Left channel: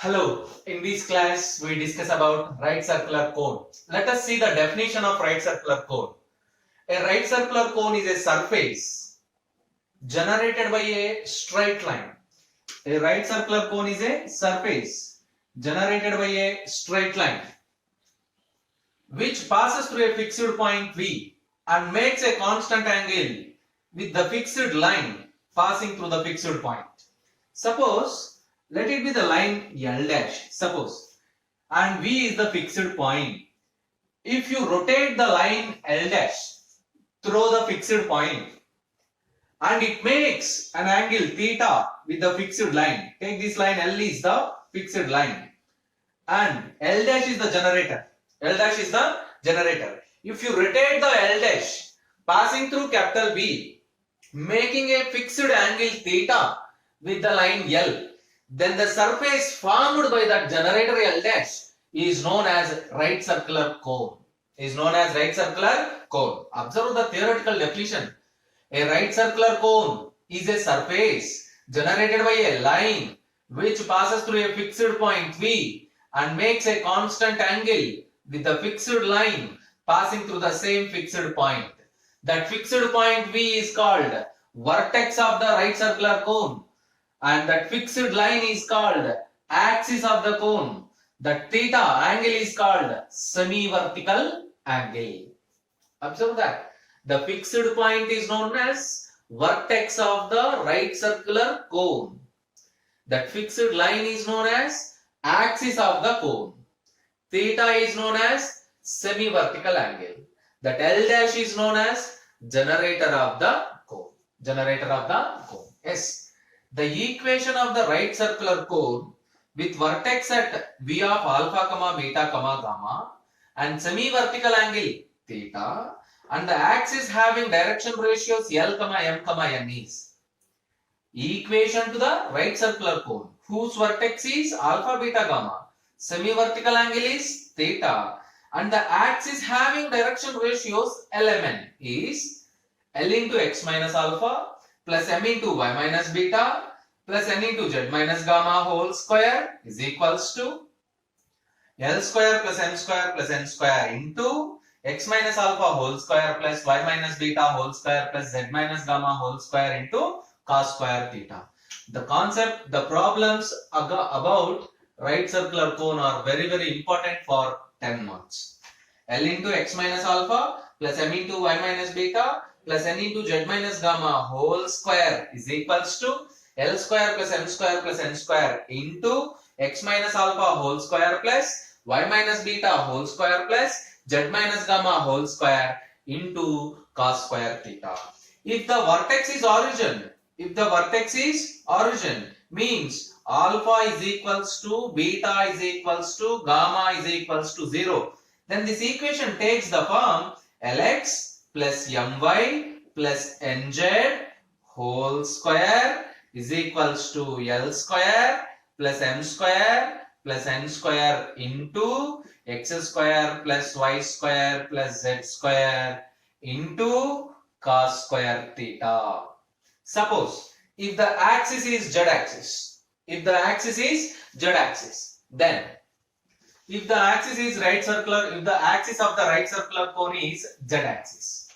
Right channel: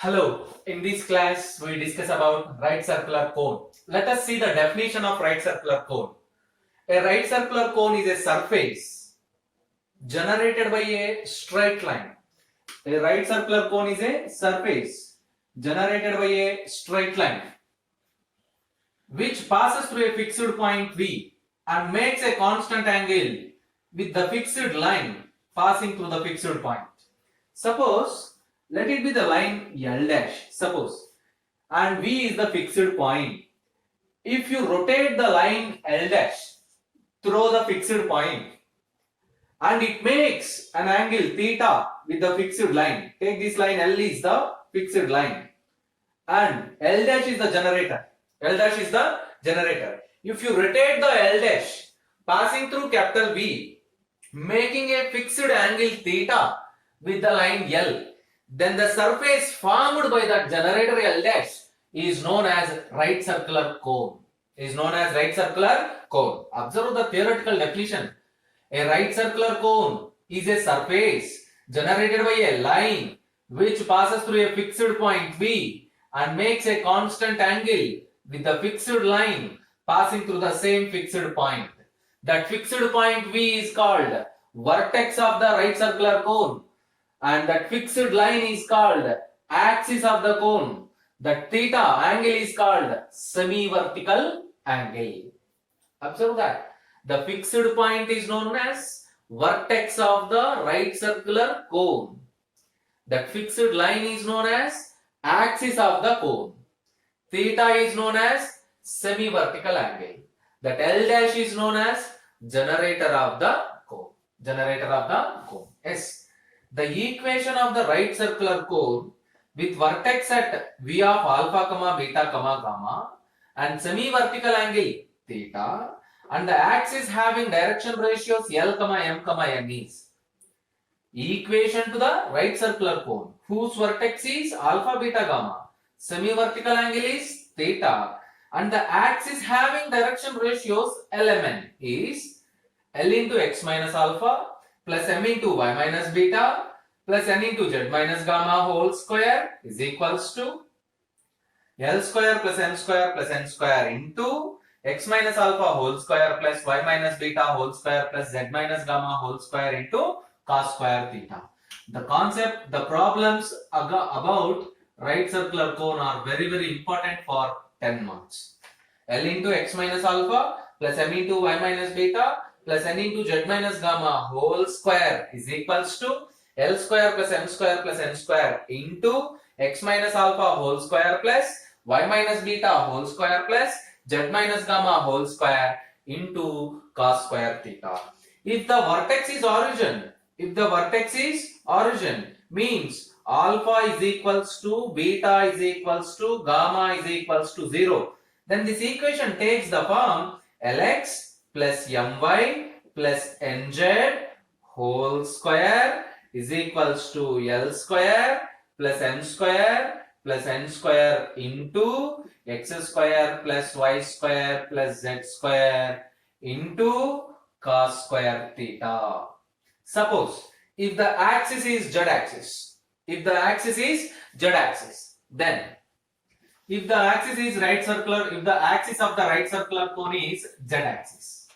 Hello, in this class we discuss about right circular cone. Let us see the definition of right circular cone. A right circular cone is a surface generated by a straight line. A right circular cone is a surface generated by a straight line which passes through a fixed point V and makes a constant angle with the fixed line passing through the fixed point. Suppose let it be the line L dash. Suppose and V is the fixed point. If you rotate the line L dash through the fixed point and it makes an angle theta with the fixed line. Take this line L is the fixed line and L dash is the generator. L dash is the generator. If you rotate the L dash passing through capital V, making a fixed angle theta with the line L, then the surface formed by that generator L dash is known as right circular cone. Observe the theoretical definition. A right circular cone is a surface generated by a line which passes through a fixed point V and makes a constant angle with the fixed line passing through the same fixed point. That fixed point V is called vertex of the right circular cone and that fixed line is called axis of the cone. That theta angle is called semi-vertical angle. Observe that. The fixed point is known as vertex of the right circular cone. That fixed line is known as axis of the cone. Theta is known as semi-vertical angle. That L dash is known as generator of the cone. Yes. The equation of the right circular cone with vertex at V of alpha, beta, gamma and semi-vertical angle theta and the axis having direction ratios L, M, N is equation to the right circular cone whose vertex is alpha, beta, gamma, semi-vertical angle is theta and the axis having direction ratios L, M, N is L into x minus alpha plus m into y minus beta plus n into z minus gamma whole square is equals to L square plus m square plus n square into x minus alpha whole square plus y minus beta whole square plus z minus gamma whole square into cos square theta. The problems about right circular cone are very important for 10 marks. L into x minus alpha plus m into y minus beta plus n into z minus gamma whole square is equals to L square plus m square plus n square into x minus alpha whole square plus y minus beta whole square plus z minus gamma whole square into cos square theta. If the vertex is origin means alpha is equals to beta is equals to gamma is equals to 0, then this equation takes the form Lx plus my plus nz whole square is equals to L square plus m square plus n square into x square plus y square plus z square into cos square theta. Suppose if the axis is z axis, then if the axis is right circular, if the axis of the right circular cone is z axis,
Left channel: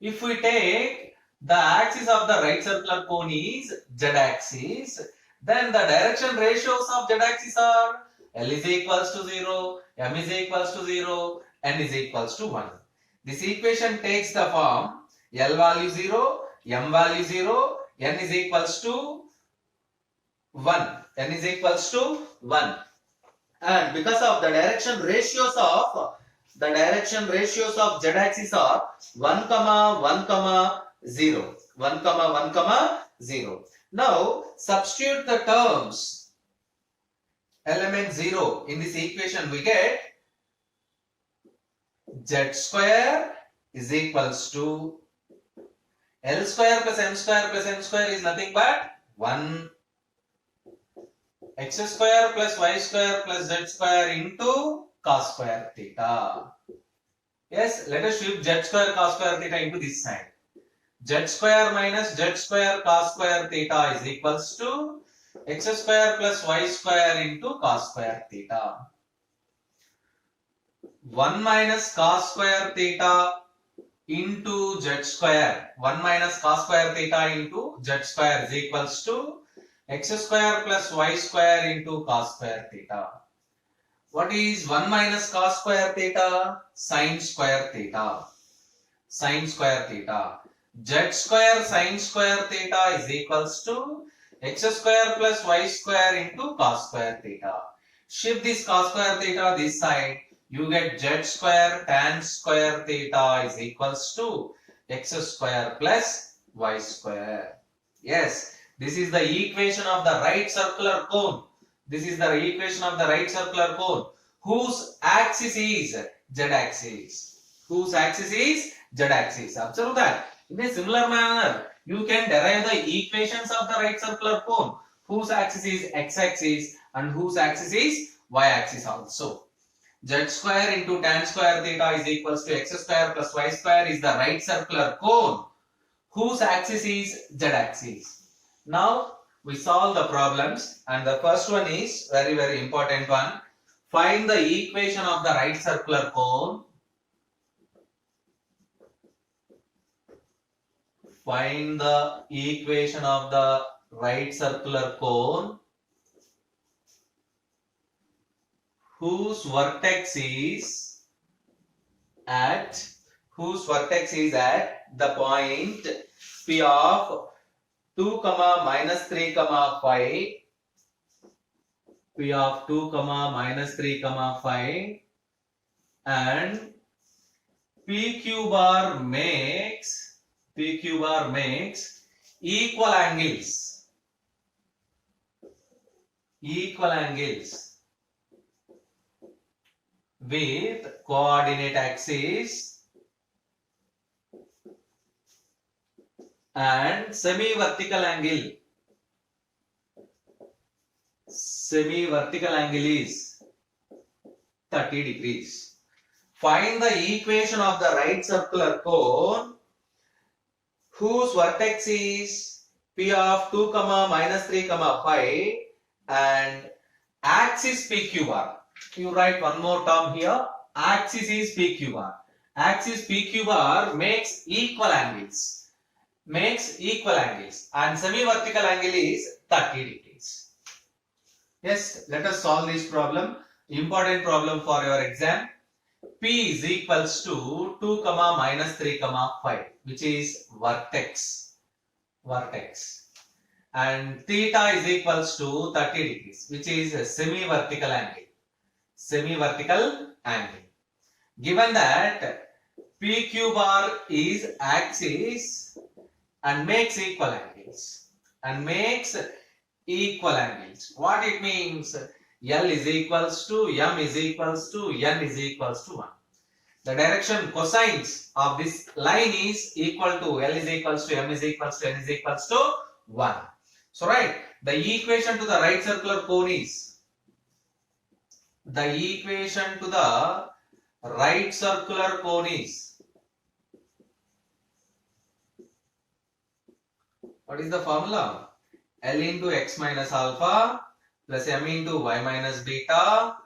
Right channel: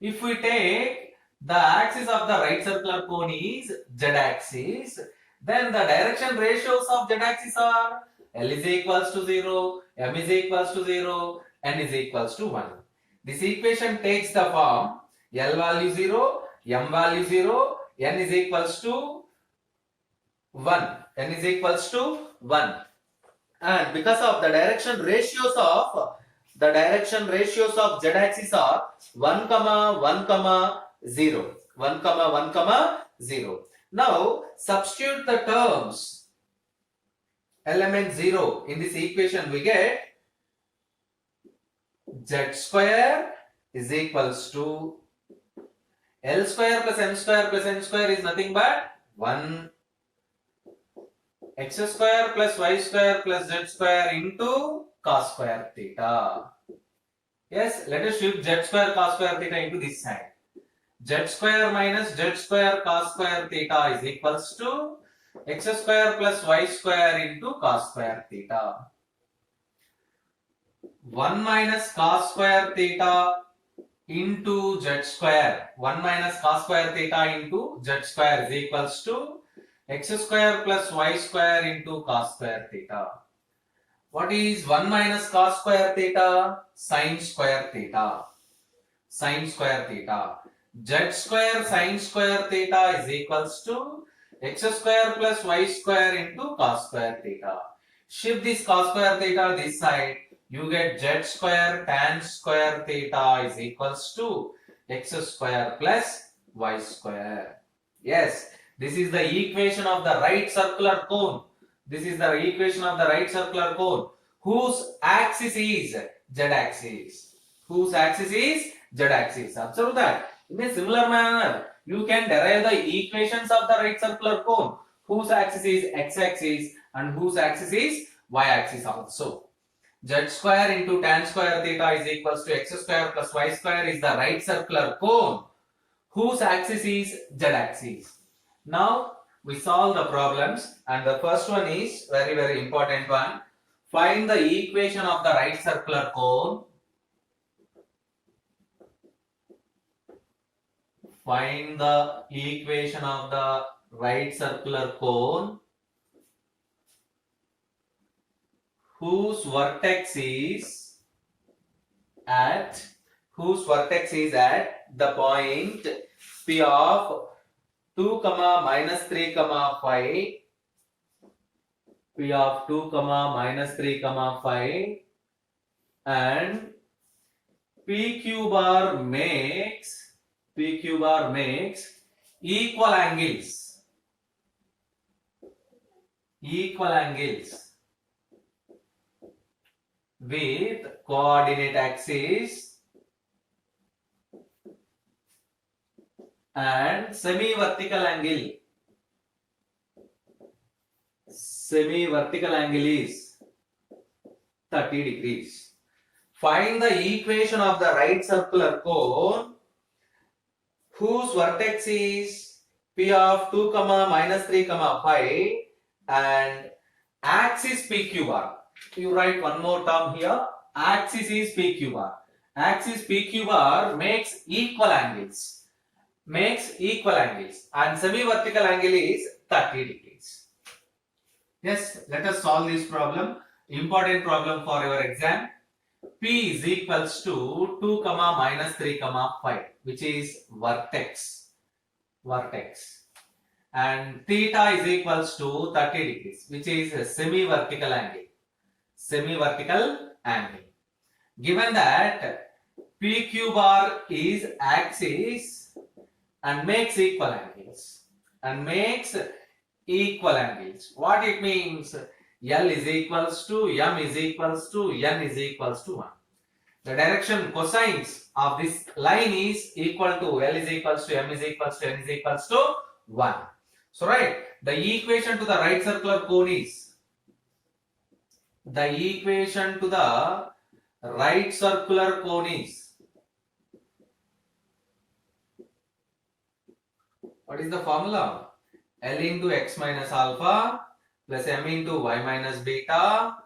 if we take the axis of the right circular cone is z axis, then the direction ratios of z axis are L is equals to 0, M is equals to 0, N is equals to 1. This equation takes the form L value 0, M value 0, N is equals to 1. And because of the direction ratios of z axis are 1, 0. Now substitute the terms element 0 in this equation. We get z square is equals to L square plus m square plus n square is nothing but 1 x square plus y square plus z square into cos square theta. Yes, let us shift z square cos square theta into this side. Z square minus z square cos square theta is equals to x square plus y square into cos square theta. 1 minus cos square theta into z square. 1 minus cos square theta into z square is equals to x square plus y square into cos square theta. What is 1 minus cos square theta? Sin square theta. Sin square theta. Z square sin square theta is equals to x square plus y square into cos square theta. Shift this cos square theta this side. You get z square tan square theta is equals to x square plus y square. Yes, this is the equation of the right circular cone. This is the equation of the right circular cone whose axis is z-axis. Whose axis is z-axis. Observe that. In a similar manner, you can derive the equations of the right circular cone whose axis is x-axis and whose axis is y-axis also. Z square into tan square theta is equals to x square plus y square is the right circular cone whose axis is z-axis. Now we solve the problems, and the first one is very important one. Find the equation of the right circular cone. Find the equation of the right circular cone whose vertex is at the point P of 2, minus 3, 5. P of 2, minus 3, 5, and PQ bar makes equal angles with coordinate axis and semi-vertical angle. Semi-vertical angle is 30 degrees. Find the equation of the right circular cone whose vertex is P of 2, minus 3, 5 and axis PQ bar. You write one more term here. Axis is PQ bar. Axis PQ bar makes equal angles. And semi-vertical angle is 30 degrees. Yes, let us solve this problem. Important problem for your exam. P is equals to 2, minus 3, 5, which is vertex. And theta is equals to 30 degrees, which is a semi-vertical angle. Given that PQ bar is axis and makes equal angles. What it means? L is equals to M is equals to N is equals to 1. The direction cosines of this line is equal to L is equals to M is equals to N is equals to 1. So right, the equation to the right circular cone is what is the formula? L into x minus alpha plus m into y minus beta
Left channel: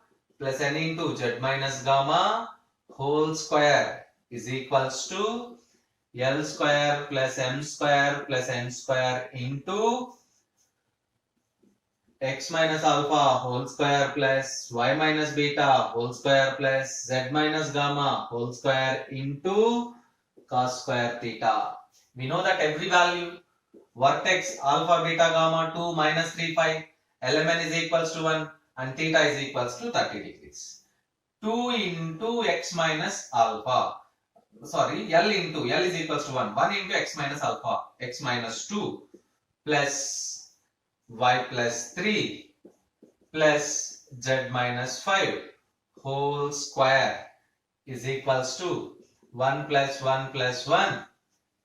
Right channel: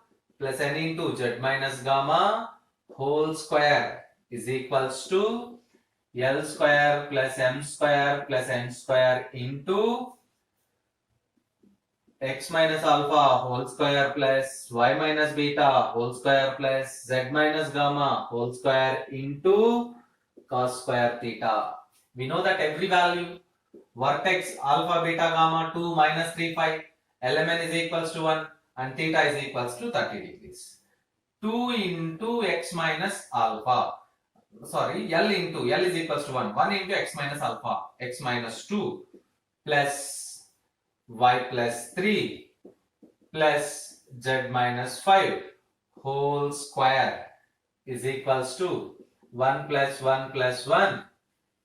plus n into z minus gamma whole square is equals to L square plus m square plus n square into x minus alpha whole square plus y minus beta whole square plus z minus gamma whole square into cos square theta. We know that every value vertex alpha beta gamma 2 minus 3 5 lmn is equals to 1 and theta is equals to 30 degrees. 2 into x minus alpha, sorry, L is equals to 1 into x minus alpha, x minus 2 plus y plus 3 plus z minus 5 whole square is equals to 1 plus 1 plus 1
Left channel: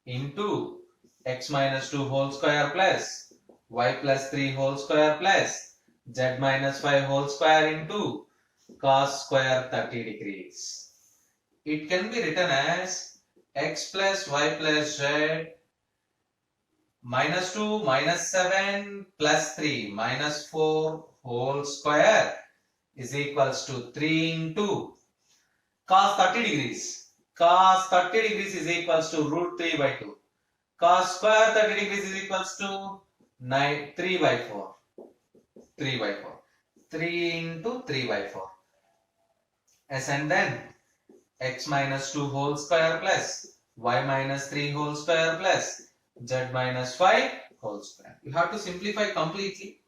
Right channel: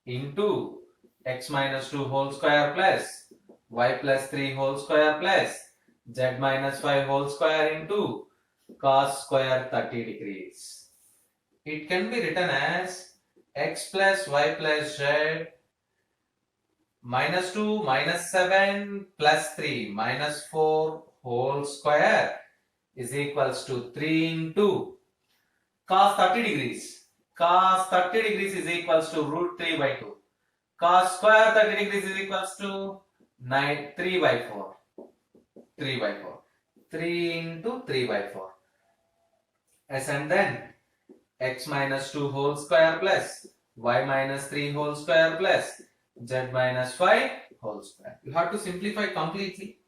into x minus 2 whole square plus y plus 3 whole square plus z minus 5 whole square into cos square 30 degrees. It can be written as x plus y plus z minus 2 minus 7 plus 3 minus 4 whole square is equals to 3 into cos 30 degrees. Cos 30 degrees is equals to root 3 by 2. Cos square 30 degrees is equals to 3 by 4. 3 by 4. 3 into 3 by 4. Yes, and then x minus 2 whole square plus y minus 3 whole square plus z minus 5 whole square. You have to simplify completely.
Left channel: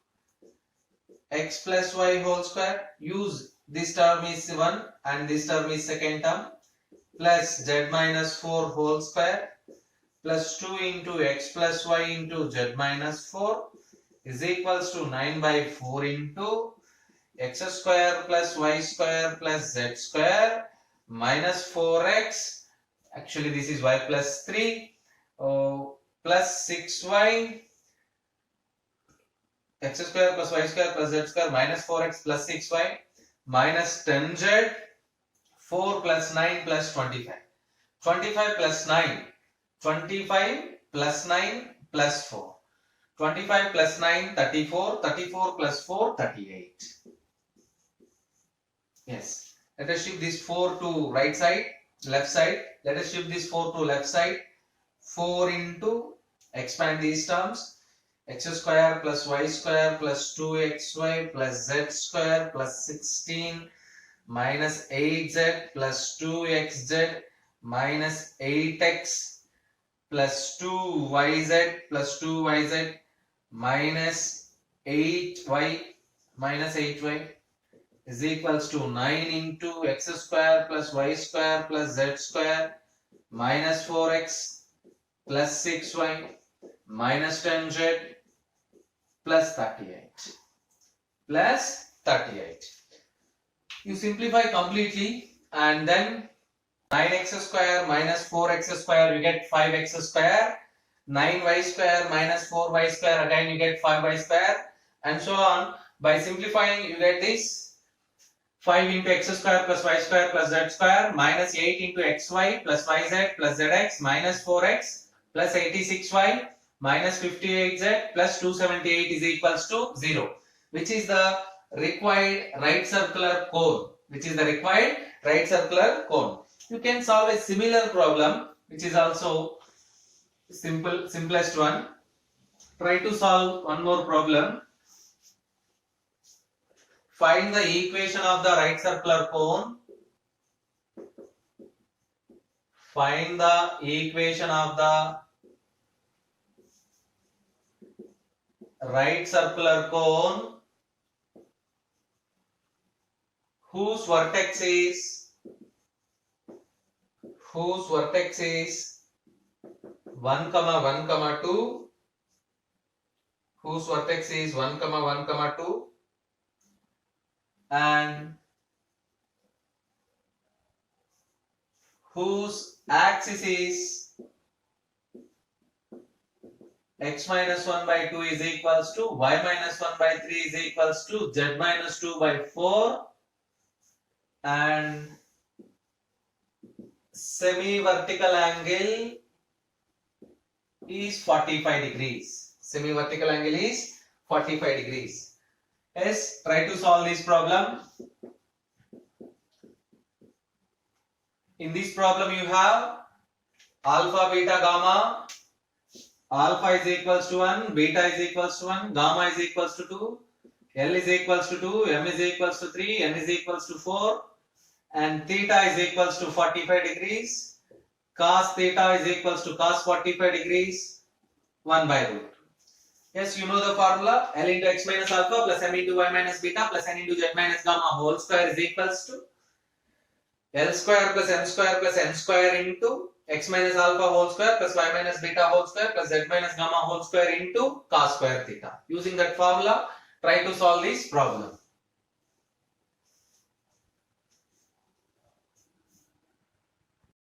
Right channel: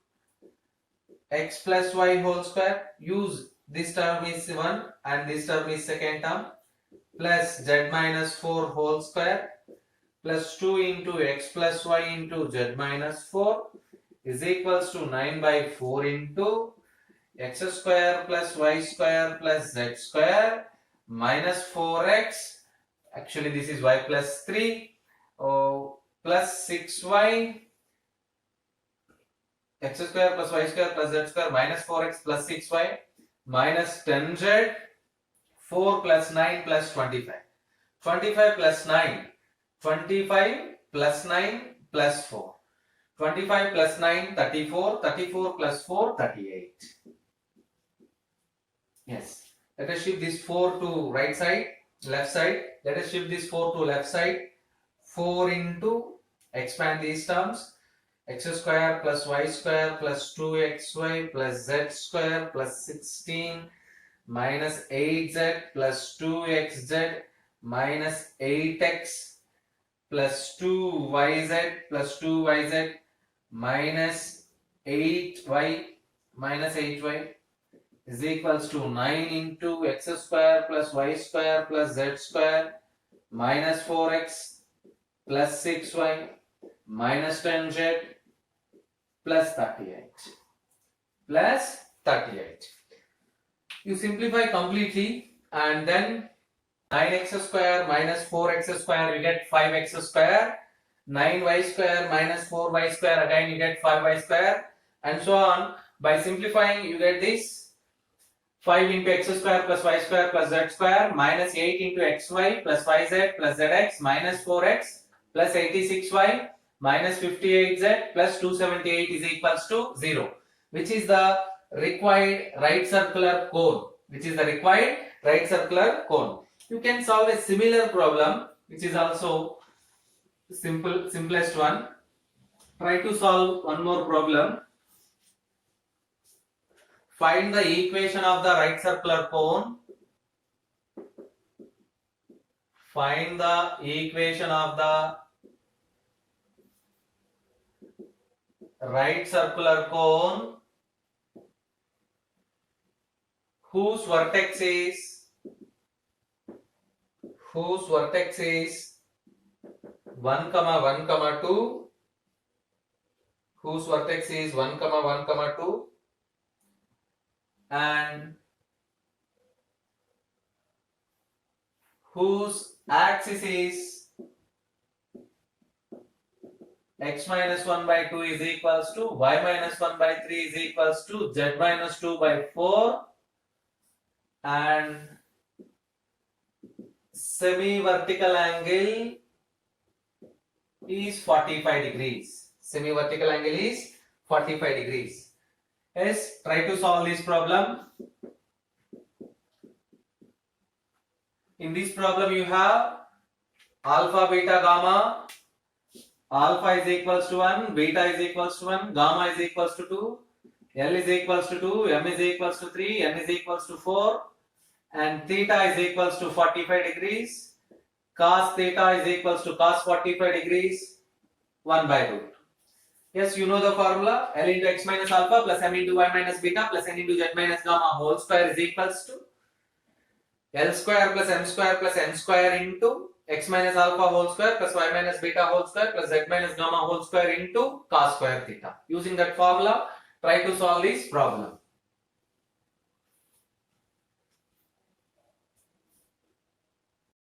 X plus y whole square, use this term is 1 and this term is second term, plus z minus 4 whole square plus 2 into x plus y into z minus 4 is equals to 9 by 4 into x square plus y square plus z square minus 4x, actually this is y plus 3, plus 6y, x square plus y square plus z square minus 4x plus 6y minus 10z, 4 plus 9 plus 25. 25 plus 9, 25 plus 9 plus 4. 25 plus 9, 34, 34 plus 4, 38. Yes. Let us shift this 4 to right side, left side. Let us shift this 4 to left side. 4 into, expand these terms, x square plus y square plus 2xy plus z square plus 16 minus 8z plus 2xz minus 8x plus 2yz plus 2yz minus 8y is equals to 9 into x square plus y square plus z square minus 4x plus 6y minus 10z plus 38. You simplify completely and then 9x square minus 4x square you get 5x square, 9y square minus 4y square again you get 5y square, and so on. By simplifying you get this 5 into x square plus y square plus z square minus 8 into xy plus 5z plus zx minus 4x plus 86y minus 58z plus 278 is equals to 0, which is the required right circular cone. You can solve a similar problem which is also simplest one. Try to solve one more problem. Find the equation of the right circular cone. Find the equation of the right circular cone whose vertex is 1, 1, 2, whose vertex is 1, 1, 2, and whose axis is x minus 1 by 2 is equals to y minus 1 by 3 is equals to z minus 2 by 4, and semi-vertical angle is 45 degrees. Semi-vertical angle is 45 degrees. Yes, try to solve this problem. In this problem you have alpha, beta, gamma. Alpha is equals to 1, beta is equals to 1, gamma is equals to 2, L is equals to 2, M is equals to 3, N is equals to 4, and theta is equals to 45 degrees. Cos theta is equals to cos 45 degrees 1 by root. Yes, you know the formula. L into x minus alpha plus M into y minus beta plus N into z minus gamma whole square is equals to L square plus M square into x minus alpha whole square plus y minus beta whole square plus z minus gamma whole square into cos square theta. Using that formula, try to solve this problem.